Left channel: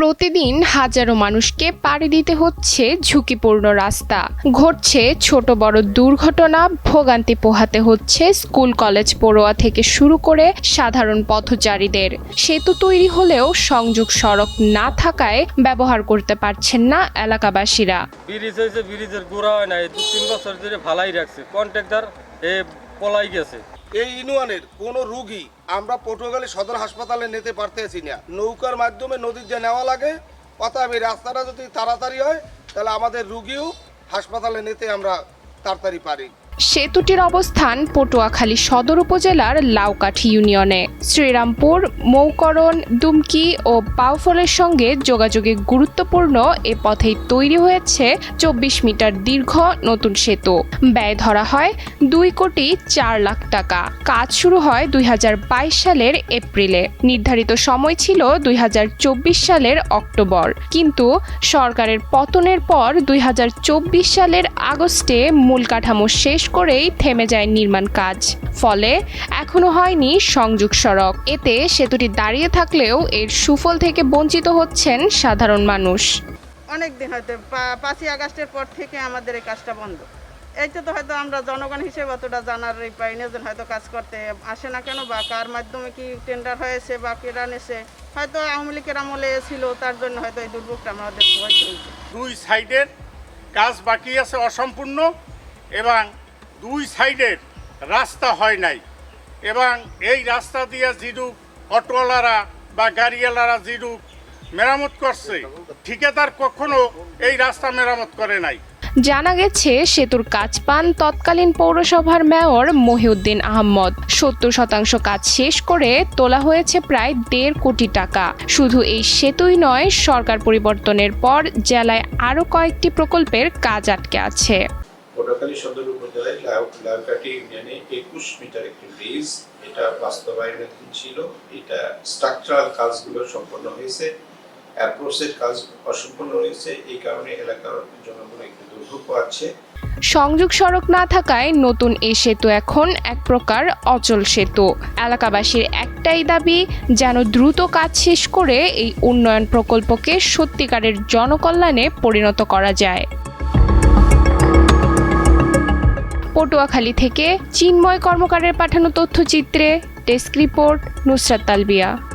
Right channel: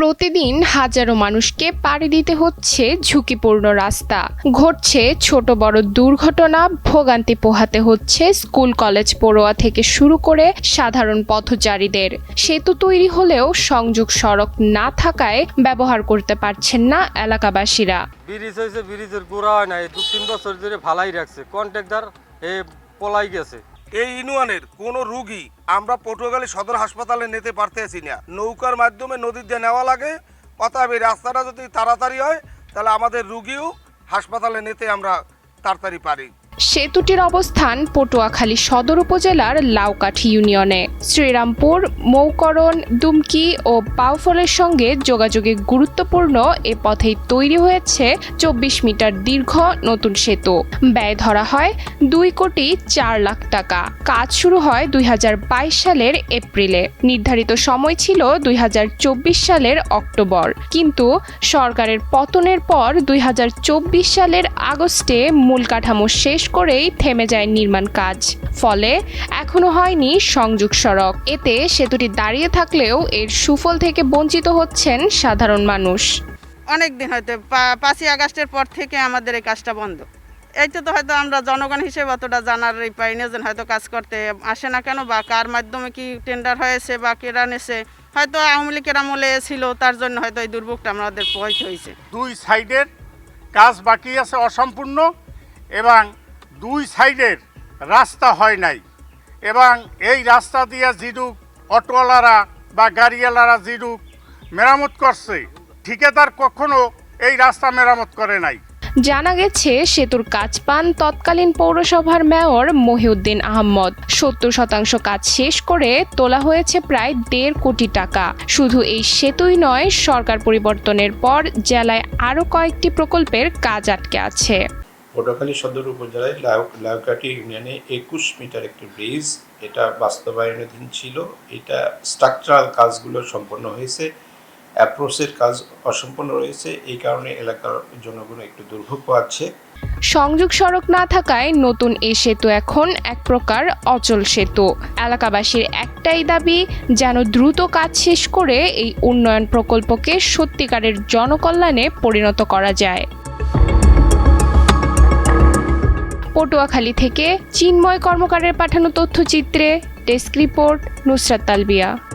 প্রতিদিন হাজারো মানুষকে পাড়ি দিতে হচ্ছে ঝুঁকিপূর্ণ রাস্তা। ঘটছে ছোট বড় দুর্ঘটনা, ভোগান্তি পোহাতে হচ্ছে স্কুল, কলেজ পড়ুয়া থেকে শুরু করে সাধারণ পথচারীদের। সেতু তৈরি হলেও সংযোগ সড়ক না থাকায় ব্যবহার করতে পারছেন না এলাকাবাসীরা। ব্রিজের গোড়া দু তিন বছর ধরে ভালাই রাখছে। কন্ট্রাক্টর পলাই গেছে। এই ইউনিয়নের কোনো রুগী আমরা পটুয়াখালী সদর হাসপাতালে নিতে পারতেছি না। নৌকার মাধ্যমে নদীর নদীতে নেওয়া লাগে। অতএব এই রাস্তাটা যদি তাড়াতাড়ি হয়, তাহলে আমাদের রুগীও হাসপাতালে নিতে আমরা তাড়াতাড়ি পারি। সেতুটির অবস্থান পটুয়াখালী সদর উপজেলার লাউকাঠি ইউনিয়নে। শ্রীরামপুর, মৌকরণ, দুমকি ও বাউফলের সঙ্গে যোগাযোগে গুরুত্বপূর্ণ এ পথেই তৈরি হয়েছে চব্বিশ মিটার দীর্ঘ নতুন সেতু। ব্যয় ধরা হয় দুই কোটি চার লাখ টাকা। কাজ শুরু হয় দুই হাজার বাইশ সালের এপ্রিলে। নির্ধারিত সময় ছিল দুই হাজার চব্বিশ সালের অক্টোবর। কিন্তু সরকারের পতনের পর দুই হাজার চব্বিশ সালের আগস্টে মূল কাঠামো শেষ করেই থেমে যায় নির্মাণ কাজ। ফলে এখনও হয়নি সংযোগ সড়ক। এতে সেতুটি দাঁড়িয়ে থাকলেও এর সুফল থেকে বঞ্চিত হচ্ছেন সাধারণ মানুষ। অনেক দিন হয়তো পা- পাঁচই আগস্টের পর থেকে আমাদের এই কাজটা বন্ধ। এইটা তো হয়তো আমরা জনগণ হিসেবে অতটা জানার এই পাই না যে হয়তো কাজ করতে আসে না কেন বা কার মাধ্যমে কি টেন্ডার হয়েছে বা কেরা নেছে। হয়তো আওয়ামী লীগের আমলে ছিল তার জন্য হয়তো এই দুর্ভোগটা আমাদের পোহাইতে হয়েছে। দুই সাইডের কাজ বাকি আছে অসম্পূর্ণ এবং দুই সাইডের রাস্তা হয় নাই। এবং এই রাস্তা দিয়ে যেরূপ অটোওয়ালারা বা গাড়িওয়ালারা যেরূপ মেরামত করছে, ঠিকাদার কখনো এই রাস্তা মেরামত করে নাই। জানা গেছে, সেতুর কাজ পান তৎকালীন পৌরসভার মেয়র মহিউদ্দিন আহমদ। সত্তর শতাংশ কাজ শেষ করে তোলা হয়েছে প্রায় দেড় কোটি টাকা। শুধু এই সেতুই নয়, সরকার পরিবর্তনের পর জেলায় আরও কয়েকটি প্রকল্পের কাজ আটকে আছে। পটুয়াখালী সদর উপজেলায় লাউ- লাউকাটি ইউনিয়নে একুশ মিটার একটি ব্রিজ, এটা বাস্তবায়নাধীন ছিল। এটা স্ট্রাকচারাল কাজগুলো সম্পন্ন হয়েছে অ্যাপ্রোচের কাজ অসম্পূর্ণ রয়েছে, এই কারণে এলাকার জনগণ একটু দুর্ভোগ পাচ্ছে। সংযোগ সড়ক না থাকায় নতুন এ সেতু এখন এক প্রকার অচল সেতু। এলাকাবাসীর একটাই দাবি, যেন দ্রুত কাজ শেষ করে এই উন্নয়ন প্রকল্পকে সত্যিকারের জনকল্যাণে পরিণত করা যায়। পটুয়াখালী থেকে চিন্ময় কর্মকারের পাঠানো তথ্যচিত্রে ডেস্ক রিপোর্ট নুসরাত তালবিয়া।